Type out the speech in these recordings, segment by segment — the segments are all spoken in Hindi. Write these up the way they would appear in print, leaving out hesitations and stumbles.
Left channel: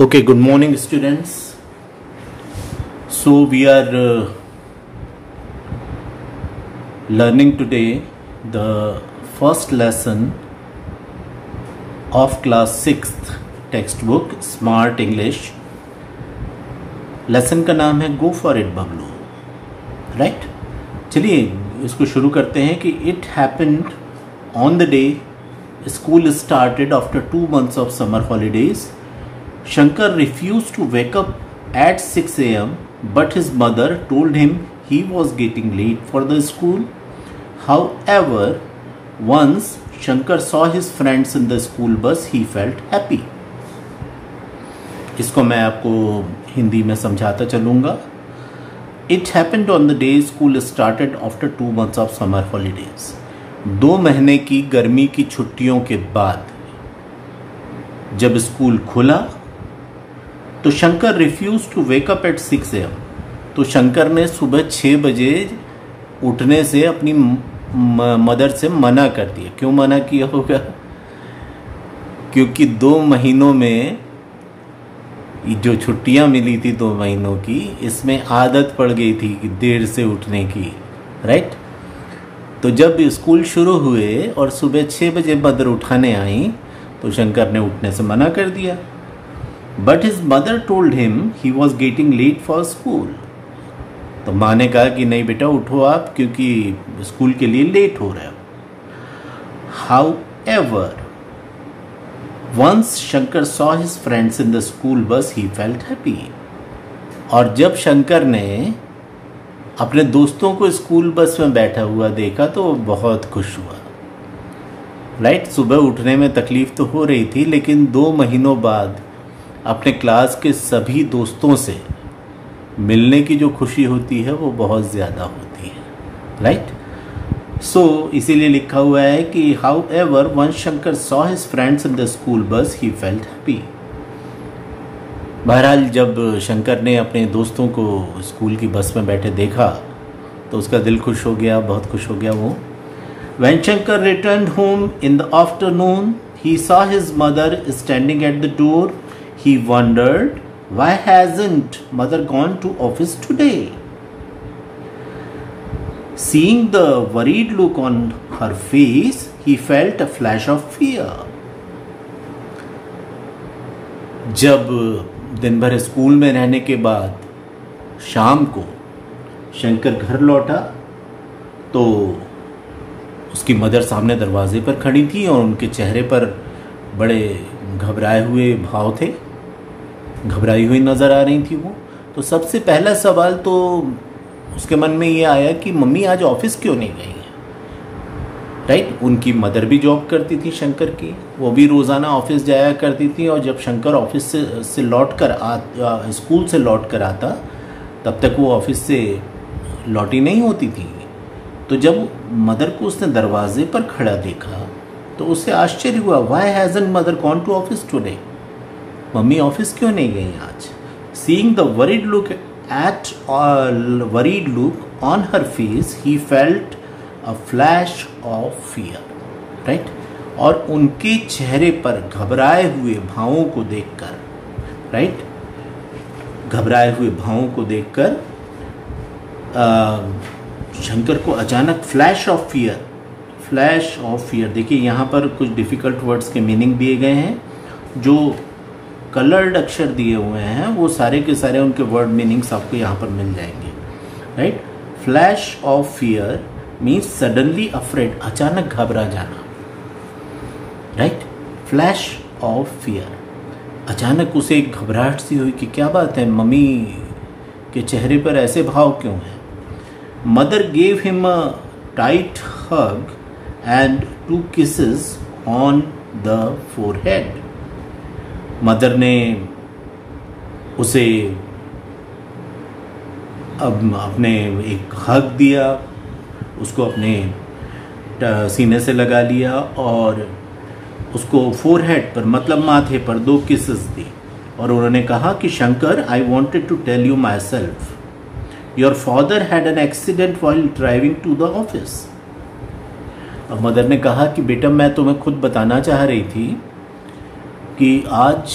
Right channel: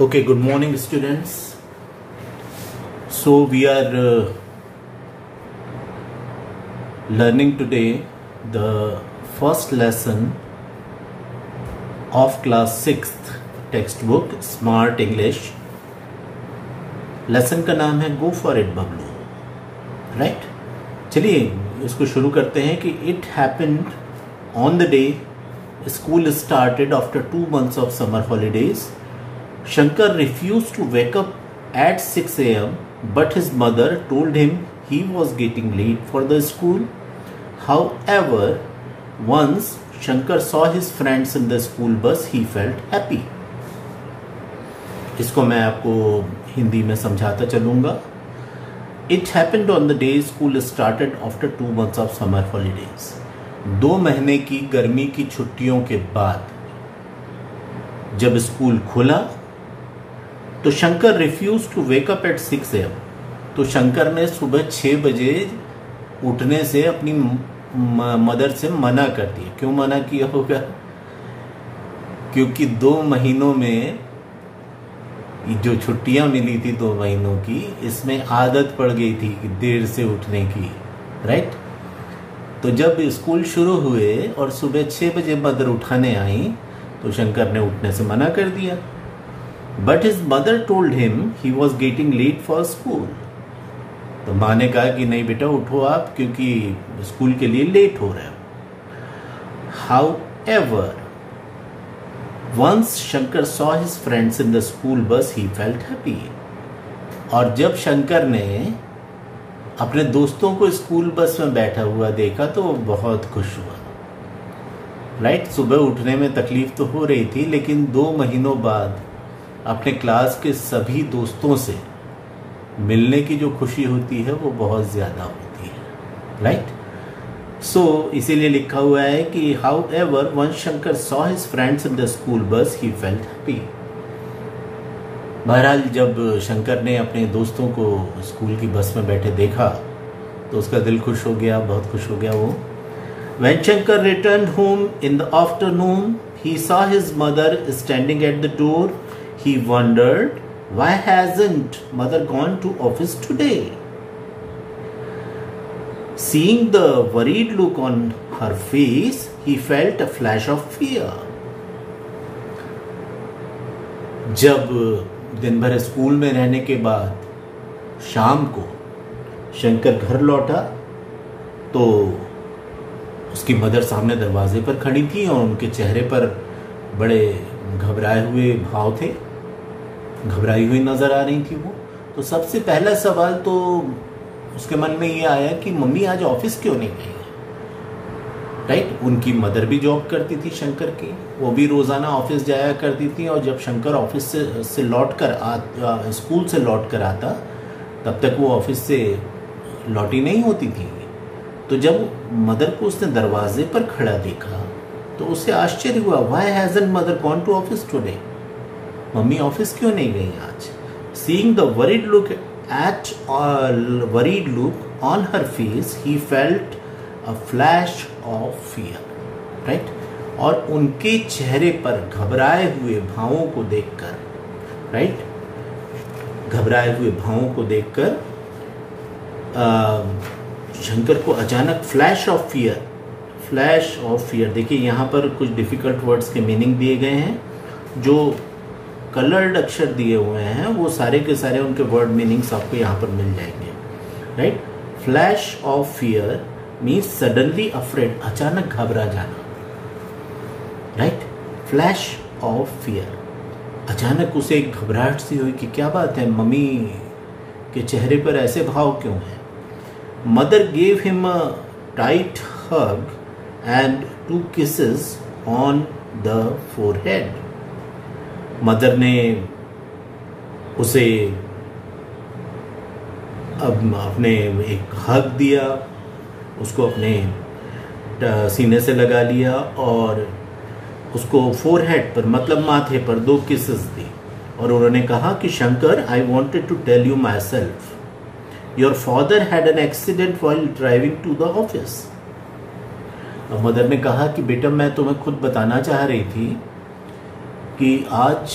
Okay, good morning, students. So we are learning today the first lesson of class 6th textbook Smart English. Lesson का नाम है go for it Bablu, right? चलिए इसको शुरू करते हैं कि it happened on the day school started after 2 months of summer holidays. Shankar refused to wake up at 6 a.m. but his mother told him he was getting late for the school. However, once Shankar saw his friends in the school bus, he felt happy. इसको मैं आपको हिंदी में समझाता चलूंगा. It happened on the day school started after 2 months of summer holidays. 2 महीने की गर्मी की छुट्टियों के बाद जब स्कूल खुला तो Shankar refuse to wake up at 6 a.m. तो शंकर ने सुबह 6 बजे उठने से अपनी मदर से मना कर दिया. क्यों मना किया होगा? क्योंकि 2 महीनों में जो छुट्टियां मिली थी 2 महीनों की, इसमें आदत पड़ गई थी कि देर से उठने की, राइट? तो जब स्कूल शुरू हुए और सुबह 6 बजे मदर उठाने आई तो शंकर ने उठने से मना कर दिया. But his mother told him he was getting late for school. तो माँ ने कहा कि नहीं बेटा उठो आप, क्योंकि स्कूल के लिए लेट हो रहा है. However, once Shankar saw his friends in the school bus, he felt happy. और जब शंकर ने अपने दोस्तों को स्कूल बस में बैठा हुआ देखा तो वो बहुत खुश हुआ. राइट? सुबह उठने में तकलीफ तो हो रही थी, लेकिन 2 महीनों बाद अपने क्लास के सभी दोस्तों से मिलने की जो खुशी होती है वो बहुत ज्यादा होती है. राइट? सो इसीलिए लिखा हुआ है कि however once Shankar saw his friends in the school bus he felt happy. बहरहाल जब शंकर ने अपने दोस्तों को स्कूल की बस में बैठे देखा तो उसका दिल खुश हो गया, बहुत खुश हो गया वो. When Shankar returned home in the afternoon, he saw his mother standing at the door. He wondered, why hasn't mother gone to office today? Seeing the worried look on her face, he felt a flash of fear. जब दिन भर स्कूल में रहने के बाद शाम को शंकर घर लौटा तो उसकी मदर सामने दरवाजे पर खड़ी थी और उनके चेहरे पर बड़े घबराए हुए भाव थे, घबराई हुई नजर आ रही थी वो. तो सबसे पहला सवाल तो उसके मन में ये आया कि मम्मी आज ऑफिस क्यों नहीं गई है. राइट? उनकी मदर भी जॉब करती थी शंकर की, वो भी रोजाना ऑफिस जाया करती थी, और जब शंकर ऑफिस से लौट कर स्कूल से लौट कर आता तब तक वो ऑफिस से लौटी नहीं होती थी. तो जब मदर को उसने दरवाजे पर खड़ा देखा तो उसे आश्चर्य हुआ. Why hasn't mother gone to office today? Mummy office क्यों नहीं गई आज? Seeing the worried look on her face, he felt a flash of fear. Right? और उनके चेहरे पर घबराए हुए भावों को देखकर, राइट, घबराए हुए भावों को देखकर शंकर को अचानक फ्लैश ऑफ फियर. देखिए यहां पर कुछ डिफिकल्ट वर्ड्स के मीनिंग दिए गए हैं. जो कलर्ड अक्षर दिए हुए हैं वो सारे के सारे उनके वर्ड मीनिंग्स आपको यहां पर मिल जाएंगे. Right? Flash of fear means suddenly afraid, अचानक घबरा जाना. राइट? फ्लैश ऑफ फियर, अचानक उसे एक घबराहट सी हुई कि क्या बात है, मम्मी के चेहरे पर ऐसे भाव क्यों हैं. Mother gave him a tight hug and 2 kisses on the forehead. Mother ने उसे अपने एक हग दिया, उसको अपने सीने से लगा लिया और उसको फोरहेड पर मतलब माथे पर 2 किसेस दी. और उन्होंने कहा कि Shankar, I wanted to tell you myself, Your father had an accident while driving to the office. और मदर ने कहा कि बेटा मैं तुम्हें खुद बताना चाह रही थी कि आज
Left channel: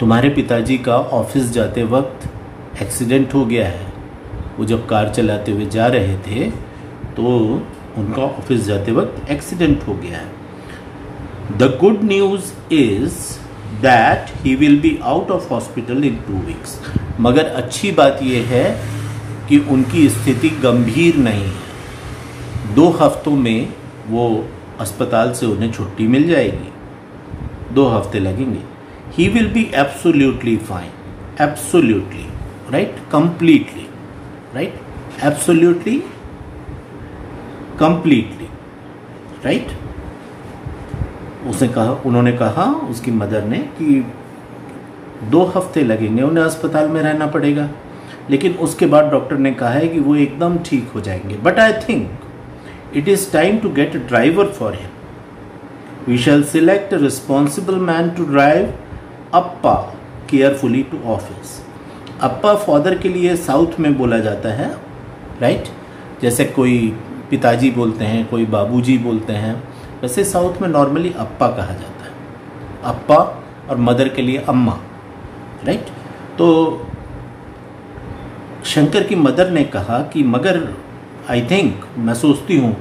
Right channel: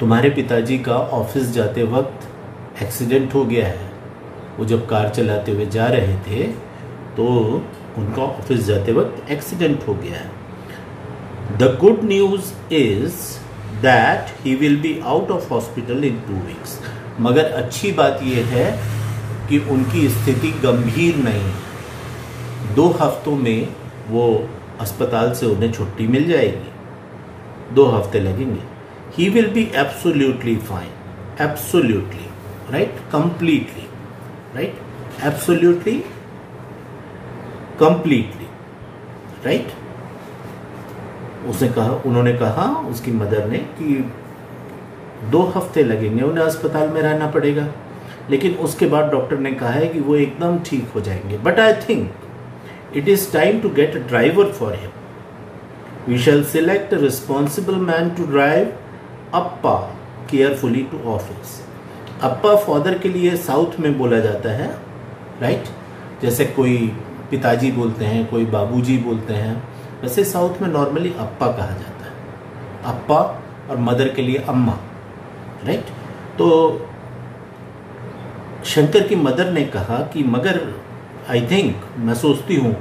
तुम्हारे पिताजी का ऑफिस जाते वक्त एक्सीडेंट हो गया है। वो जब कार चलाते हुए जा रहे थे तो उनका ऑफिस जाते वक्त एक्सीडेंट हो गया है। The good news is that he will be out of hospital in 2 weeks। मगर अच्छी बात यह है कि उनकी स्थिति गंभीर नहीं है। 2 हफ्तों में वो अस्पताल से उन्हें छुट्टी मिल जाएगी। 2 हफ्ते लगेंगे। He will be absolutely fine, absolutely, right, completely, right, absolutely, completely, right. उन्होंने कहा उसकी मदर ने कि 2 हफ्ते लगेंगे, उन्हें अस्पताल में रहना पड़ेगा, लेकिन उसके बाद डॉक्टर ने कहा है कि वो एकदम ठीक हो जाएंगे। But I think it is time to get a driver for him. We shall select a responsible man to drive appa carefully to office. Appa father के लिए साउथ में बोला जाता है, राइट। जैसे कोई पिताजी बोलते हैं, कोई बाबूजी बोलते हैं, वैसे साउथ में नॉर्मली अप्पा कहा जाता है। अप्पा और मदर के लिए अम्मा, राइट। तो शंकर की मदर ने कहा कि मगर आई थिंक, मैं सोचती हूँ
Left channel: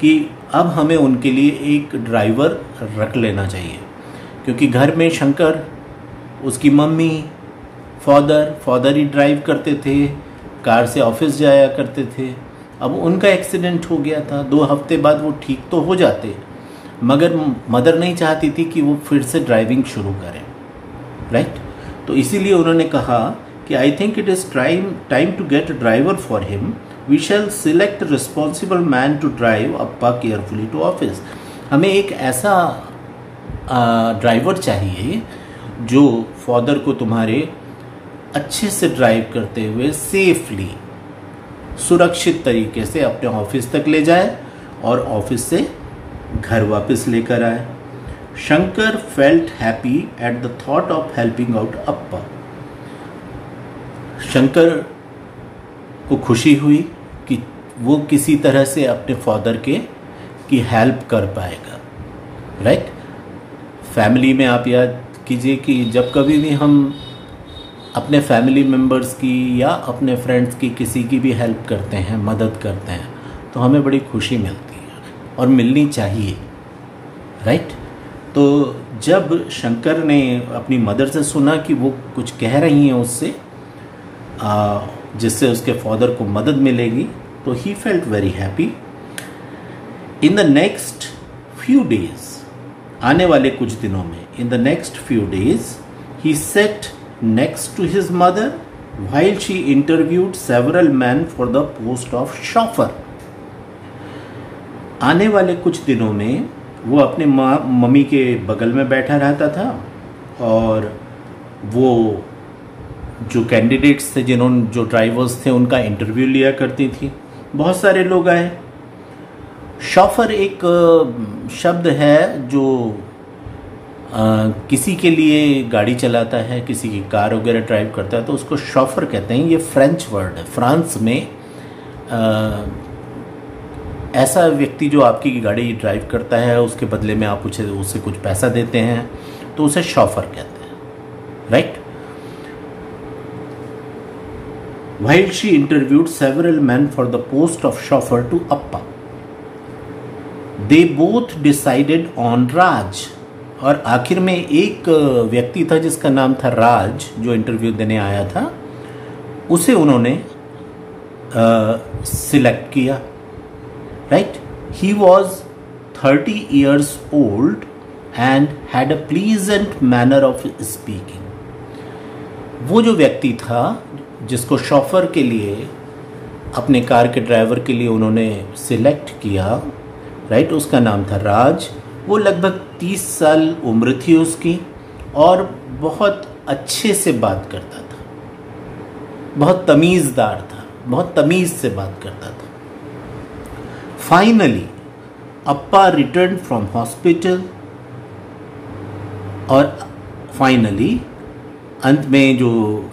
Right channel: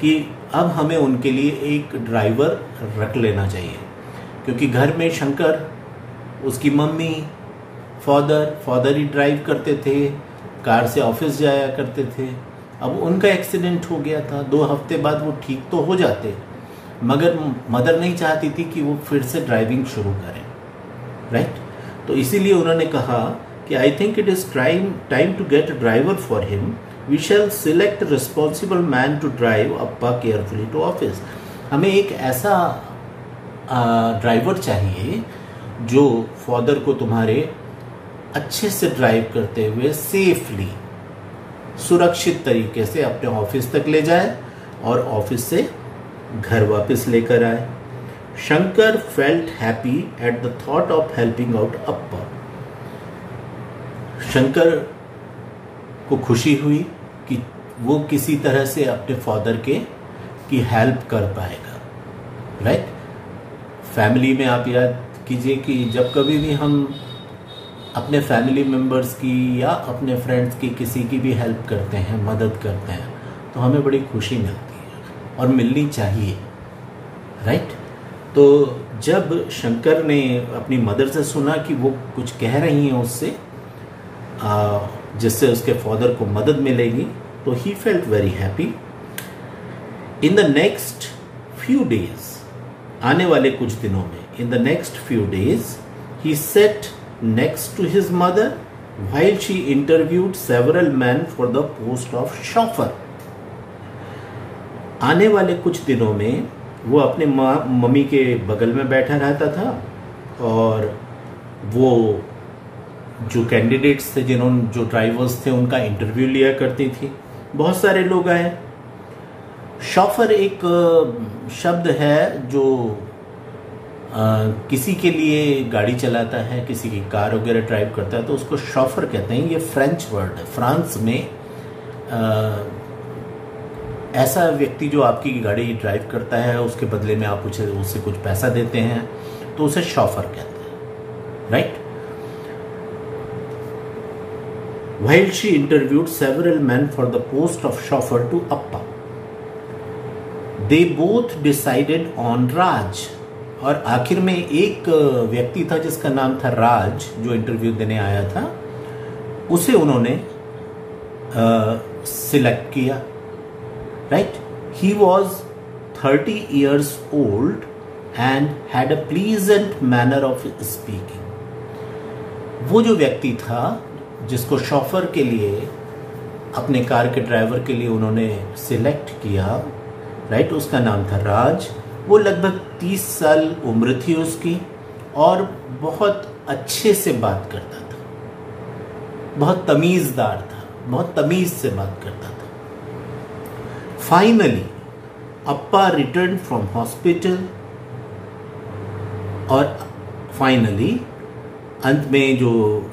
कि अब हमें उनके लिए एक ड्राइवर रख लेना चाहिए, क्योंकि घर में शंकर, उसकी मम्मी, फादर ही ड्राइव करते थे, कार से ऑफिस जाया करते थे। अब उनका एक्सीडेंट हो गया था, 2 हफ्ते बाद वो ठीक तो हो जाते, मगर मदर नहीं चाहती थी कि वो फिर से ड्राइविंग शुरू करें, राइट। तो इसीलिए उन्होंने कहा कि I think it is time to get a driver for him. We shall select responsible man to drive appa carefully to office. हमें एक ऐसा ड्राइवर चाहिए जो फादर को तुम्हारे अच्छे से ड्राइव करते हुए सेफली, सुरक्षित तरीके से अपने ऑफिस तक ले जाए और ऑफिस से घर वापस लेकर आए। Shankar felt happy at the thought of helping out Appa. Shankar को खुशी हुई कि वो किसी तरह से अपने फादर की हेल्प कर पाएगा, राइट। फैमिली में आप याद कीजिए कि जब कभी भी हम अपने फैमिली मेंबर्स की या अपने फ्रेंड्स की किसी की भी हेल्प करते हैं, मदद करते हैं, तो हमें बड़ी खुशी मिलती है और मिलनी चाहिए, राइट। तो जब शंकर ने अपनी मदर से सुना कि वो कुछ कह रही हैं उससे, जिससे उसके फादर को मदद मिलेगी, तो he felt very happy. In the next few days, आने वाले कुछ दिनों में, in the next few days he set next to his mother while she interviewed several men for the post of chauffeur। आने वाले कुछ दिनों में वो अपने मम्मी के बगल में बैठा रहता था और वो जो कैंडिडेट्स थे, जो ड्राइवर्स थे, उनका इंटरव्यू लिया करती थी। बहुत सारे लोग आए। शॉफर एक शब्द है जो किसी के लिए गाड़ी चलाता है, किसी की कार वगैरह ड्राइव करता है, तो उसको शॉफर कहते हैं। ये फ्रेंच वर्ड है। फ्रांस में ऐसा व्यक्ति जो आपकी गाड़ी ड्राइव करता है, उसके बदले में आप उससे कुछ पैसा देते हैं, तो उसे शॉफर कहते हैं, right. While she interviewed several men for the post of chauffeur to Appa, they both decided on Raj। और आखिर में एक व्यक्ति था जिसका नाम था राज, जो इंटरव्यू देने आया था, उसे उन्होंने सिलेक्ट किया, right. He was 30 years old and had a pleasant manner of speaking. वो जो व्यक्ति था जिसको शॉफर के लिए, अपने कार के ड्राइवर के लिए उन्होंने सिलेक्ट किया, राइट, उसका नाम था राज। वो लगभग 30 साल उम्र थी उसकी और बहुत अच्छे से बात करता था, बहुत तमीजदार था, बहुत तमीज से बात करता था। Finally Appa return from hospital, और फाइनली अंत में जो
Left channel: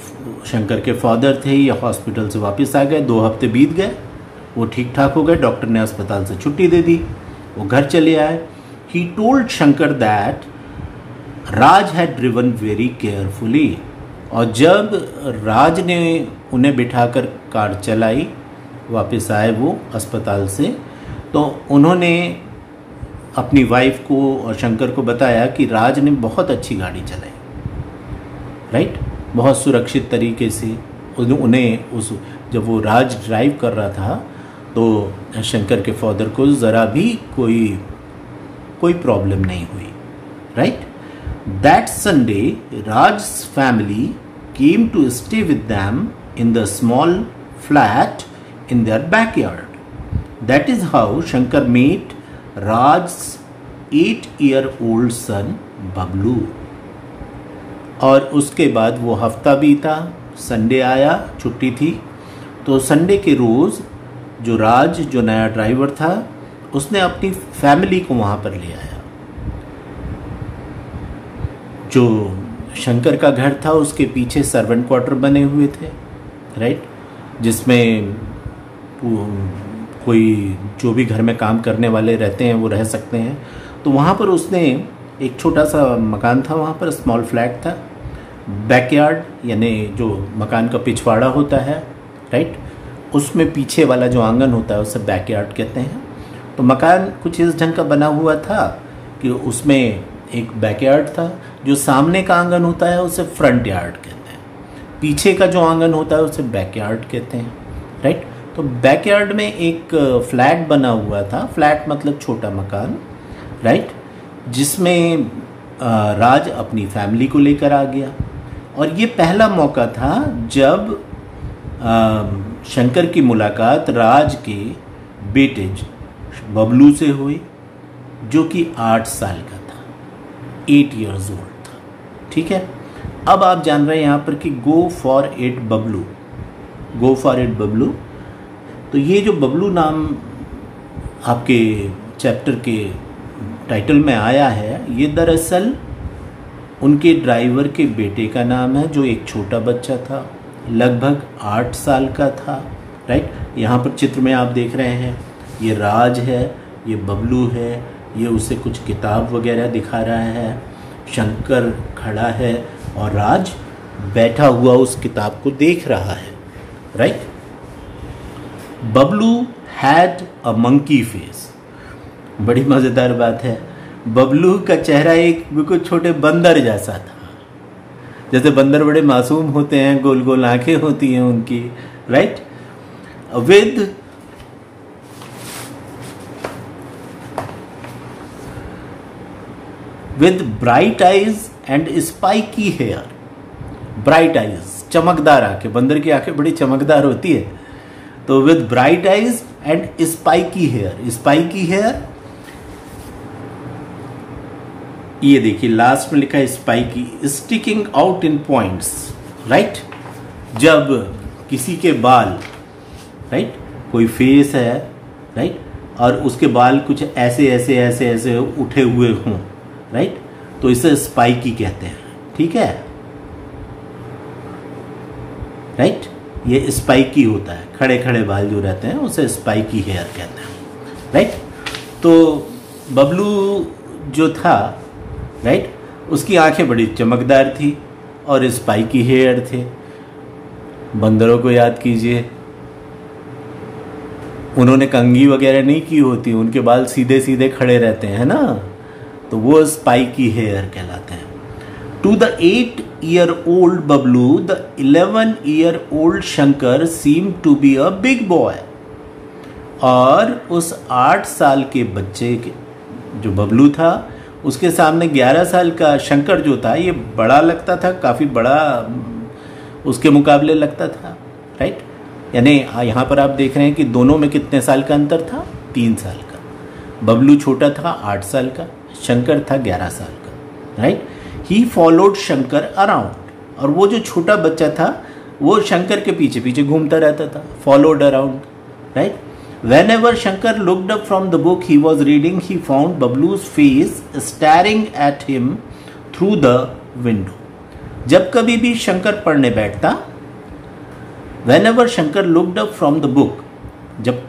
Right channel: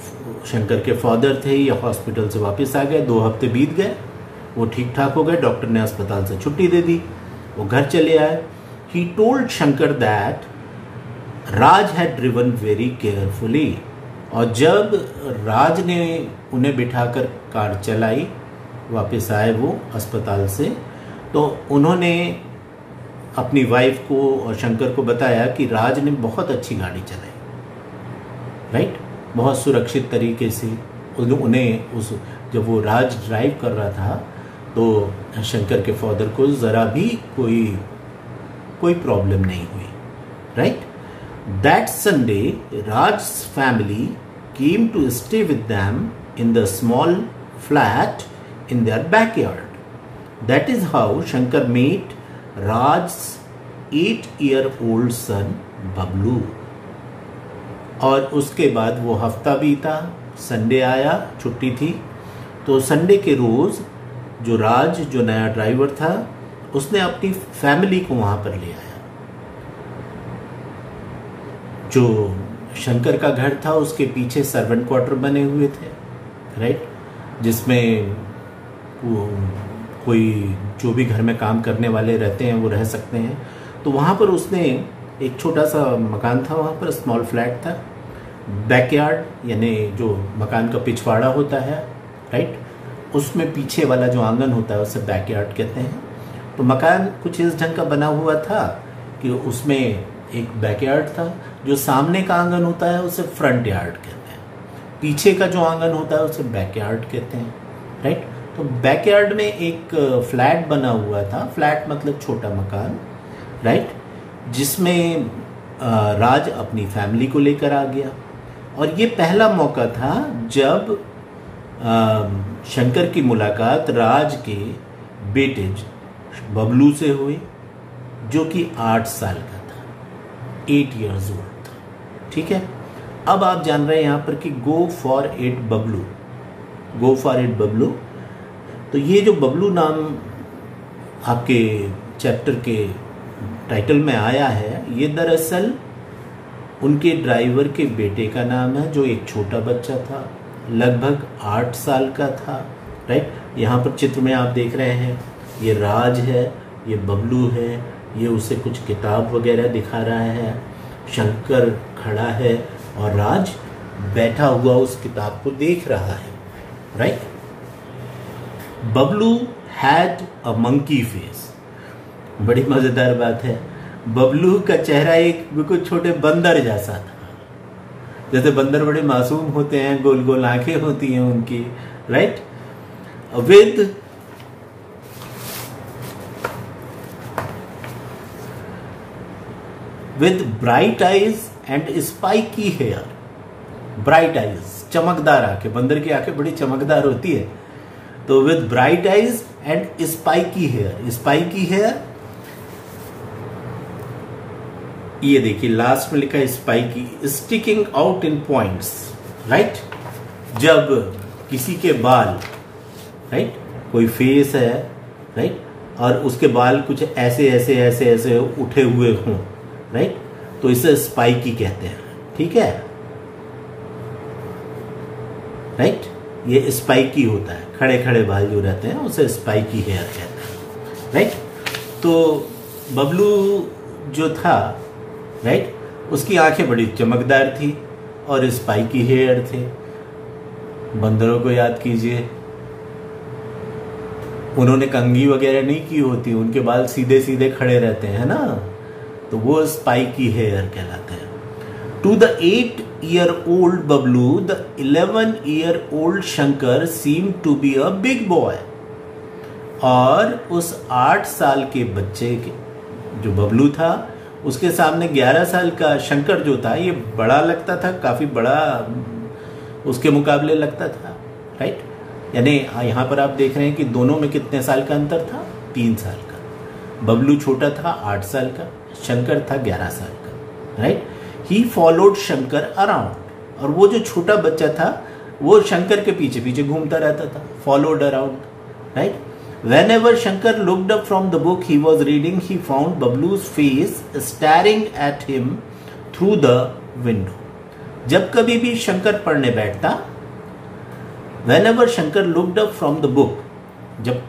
शंकर के फादर थे ये हॉस्पिटल से वापस आ गए। 2 हफ्ते बीत गए, वो ठीक ठाक हो गए, डॉक्टर ने अस्पताल से छुट्टी दे दी, वो घर चले आए। He told Shankar that Raj had driven very carefully, और जब राज ने उन्हें बिठाकर कार चलाई, वापस आए वो अस्पताल से, तो उन्होंने अपनी वाइफ को और शंकर को बताया कि राज ने बहुत अच्छी गाड़ी चलाई, राइट, बहुत सुरक्षित तरीके से। उन्हें जब वो राज ड्राइव कर रहा था तो शंकर के फादर को ज़रा भी कोई प्रॉब्लम नहीं हुई, right. That Sunday Raj family came to stay with them in the small flat in their backyard. That is how Shankar met Raj's 8-year-old son Bablu. और उसके बाद वो हफ्ता बीता, संडे आया, छुट्टी थी, तो संडे के रोज जो राज, जो नया ड्राइवर था, उसने अपनी फैमिली को वहां पर ले आया। जो शंकर का घर था उसके पीछे सर्वेंट क्वार्टर बने हुए थे, राइट, जिसमें कोई जो भी घर में काम करने वाले रहते हैं वो रह सकते हैं। तो वहाँ पर उसने एक छोटा सा मकान था, वहाँ पर स्मॉल फ्लैट था, बैकयार्ड यानी जो मकान का पिछवाड़ा होता है, राइट, उसमें पीछे वाला जो आंगन होता है उसे बैकयार्ड कहते हैं। तो मकान कुछ इस ढंग का बना हुआ था कि उसमें एक बैकयार्ड था, जो सामने का आंगन होता है उसे फ्रंट यार्ड कहते हैं, पीछे का जो आंगन होता है उसे बैकयार्ड कहते हैं, राइट। तो बैकयार्ड में एक फ्लैट बना हुआ था, फ्लैट मतलब छोटा मकान, राइट, जिसमें राज अपनी फैमिली को लेकर आ गया। और ये पहला मौका था जब शंकर की मुलाकात राज के बेटे बबलू से हुई, जो कि 8 साल का था, 8 years old था, ठीक है। अब आप जान रहे हैं यहाँ पर कि go for it Bablu, go for it Bablu. तो ये जो बबलू नाम आपके चैप्टर के टाइटल में आया है, ये दरअसल उनके ड्राइवर के बेटे का नाम है, जो एक छोटा बच्चा था, लगभग 8 साल का था, राइट। यहाँ पर चित्र में आप देख रहे हैं, ये राज है, ये बबलू है, ये उसे कुछ किताब वगैरह दिखा रहा है, शंकर खड़ा है और राज बैठा हुआ उस किताब को देख रहा है, right. Bablu had a monkey face, बड़ी मजेदार बात है, बबलू का चेहरा एक बिल्कुल छोटे बंदर जैसा था। जैसे बंदर बड़े मासूम होते हैं, गोल गोल आंखें होती हैं उनकी, right, with bright eyes and spiky hair. Bright eyes, चमकदार आंखें, बंदर की आंखें बड़ी चमकदार होती है। तो with bright eyes and spiky hair, spiky hair, ये देखिए लास्ट में लिखा है spiky, sticking out in points, right. जब किसी के बाल, राइट, कोई फेस है, राइट, और उसके बाल कुछ ऐसे ऐसे ऐसे ऐसे उठे हुए हों, राइट, तो इसे स्पाइकी कहते हैं, ठीक है, राइट। ये स्पाइकी होता है, खड़े खड़े बाल जो रहते हैं उसे स्पाइकी हेयर कहते हैं, राइट। तो बबलू जो था, राइट, उसकी आंखें बड़ी चमकदार थी और स्पाइकी हेयर थे। बंदरों को याद कीजिए, उन्होंने कंघी वगैरह नहीं की होती, उनके बाल सीधे सीधे खड़े रहते हैं ना, तो वो स्पाइकी हेयर कहलाते हैं। To the 8-year-old Bablu the 11-year-old Shankar seem to be a big boy. और उस 8 साल के बच्चे के जो बबलू था, उसके सामने 11 साल का शंकर जो था, ये बड़ा लगता था, काफी बड़ा उसके मुकाबले लगता था, राइट। यानी यहाँ पर आप देख रहे हैं कि दोनों में कितने साल का अंतर था, 3 साल का। बबलू छोटा था 8 साल का, शंकर था 11 साल का, right. He followed Shankar around, और वो जो छोटा बच्चा था वो शंकर के पीछे पीछे घूमता रहता था, followed around, right. Whenever Shankar looked up from the book he was reading, he found Bablu's face staring at him through the window. जब कभी भी शंकर पढ़ने बैठता, whenever Shankar looked up from the book, जब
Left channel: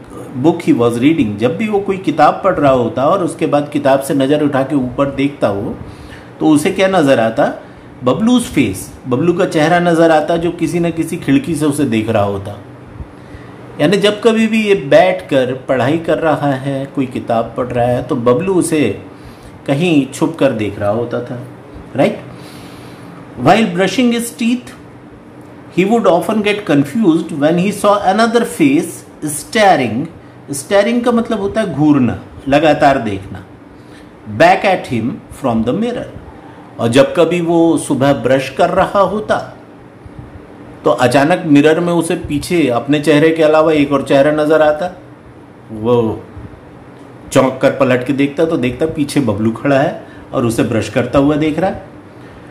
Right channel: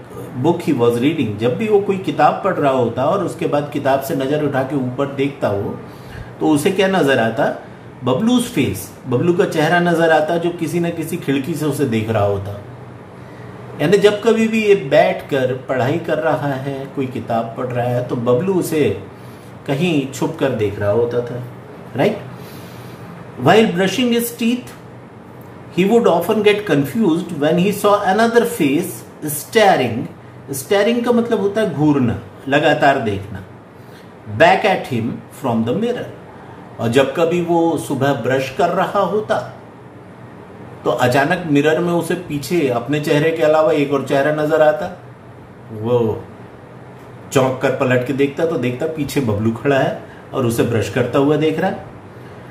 book he was reading, जब भी वो कोई किताब पढ़ रहा होता और उसके बाद किताब से नजर उठा के ऊपर देखता हो, तो उसे क्या नजर आता, बबलूज फेस, बबलू का चेहरा नजर आता जो किसी न किसी खिड़की से उसे देख रहा होता। यानी जब कभी भी ये बैठकर पढ़ाई कर रहा है, कोई किताब पढ़ रहा है, तो बबलू उसे कहीं छुप कर देख रहा होता था, right. While brushing his teeth, he would often get confused when he saw another face staring. Staring का मतलब होता है घूरना, लगातार देखना। Back at him from the mirror. और जब कभी वो सुबह ब्रश कर रहा होता तो अचानक मिरर में उसे पीछे अपने चेहरे के अलावा एक और चेहरा नजर आता। वो चौंक कर पलट के देखता तो देखता पीछे बबलू खड़ा है और उसे ब्रश करता हुआ देख रहा है।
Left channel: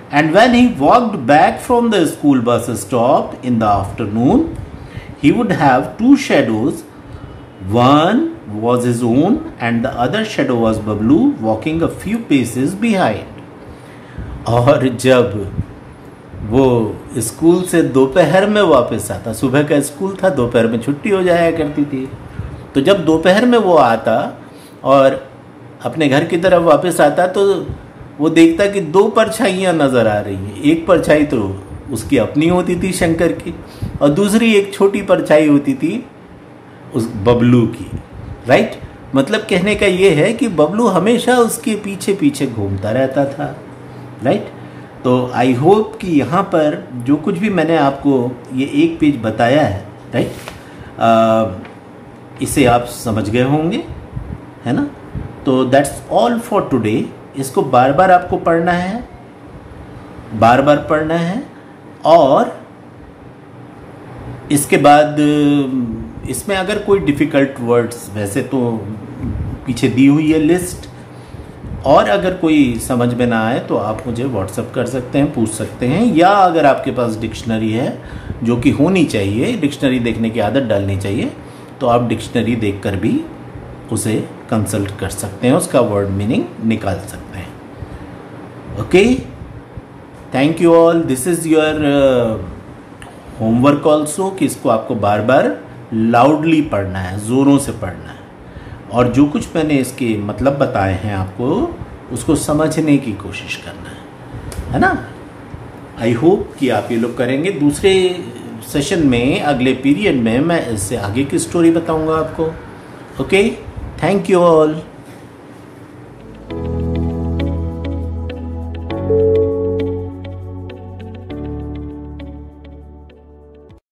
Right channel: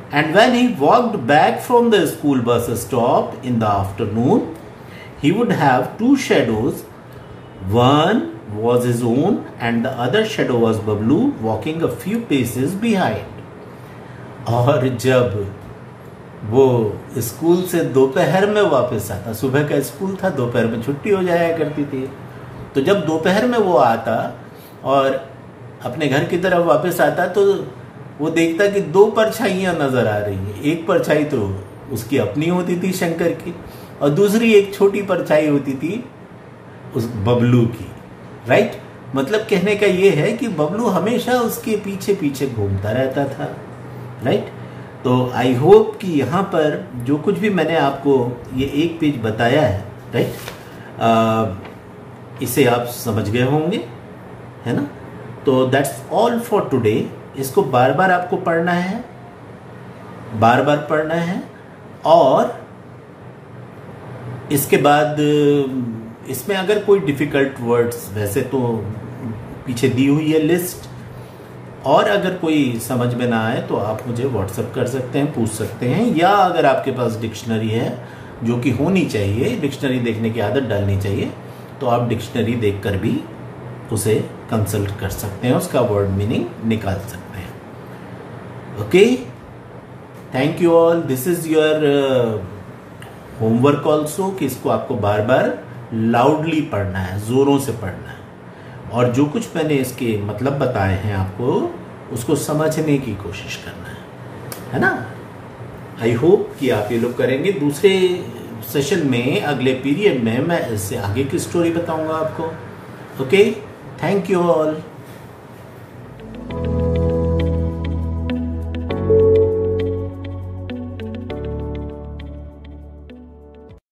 And when he walked back from the school bus stop in the afternoon, he would have two shadows. One was his own and the other shadow was Bablu walking a few paces behind. और जब वो स्कूल से दोपहर में वापस आता, सुबह का स्कूल था, दोपहर में छुट्टी हो जाया करती थी, तो जब दोपहर में वो आता और अपने घर की तरफ वापस आता तो वो देखता कि दो परछाइयां नजर आ रही है। एक परछाई तो उसकी अपनी होती थी शंकर की, और दूसरी एक छोटी परछाई होती थी उस बबलू की, राइट। मतलब कहने का ये है कि बबलू हमेशा उसके पीछे पीछे घूमता रहता था, राइट। तो आई होप कि यहाँ पर जो कुछ भी मैंने आपको ये एक पेज बताया है, राइट, इसे आप समझ गए होंगे, है ना। तो दैट्स ऑल फॉर टुडे। इसको बार बार आपको पढ़ना है, बार बार पढ़ना है, और इसके बाद इसमें अगर कोई डिफिकल्ट वर्ड्स, वैसे तो पीछे दी हुई है लिस्ट, और अगर कोई समझ में ना आए तो आप मुझे व्हाट्सएप कर सकते हैं, पूछ सकते हैं, या अगर आपके पास डिक्शनरी है, जो कि होनी चाहिए, डिक्शनरी देखने की आदत डालनी चाहिए, तो आप डिक्शनरी देखकर भी उसे कंसल्ट कर सकते हैं, उसका वर्ड मीनिंग निकाल सकते हैं। Okay, thank you all. This is your homework also कि इसको आपको बार बार लाउडली पढ़ना है, जोरों से पढ़ना है, और जो कुछ मैंने इसके मतलब बताए हैं आपको उसको समझने की कोशिश करना है ना। आई होप कि आप ये लोग करेंगे। दूसरे सेशन में, अगले पीरियड में मैं इससे आगे की स्टोरी बताऊंगा आपको। Okay, thank you all.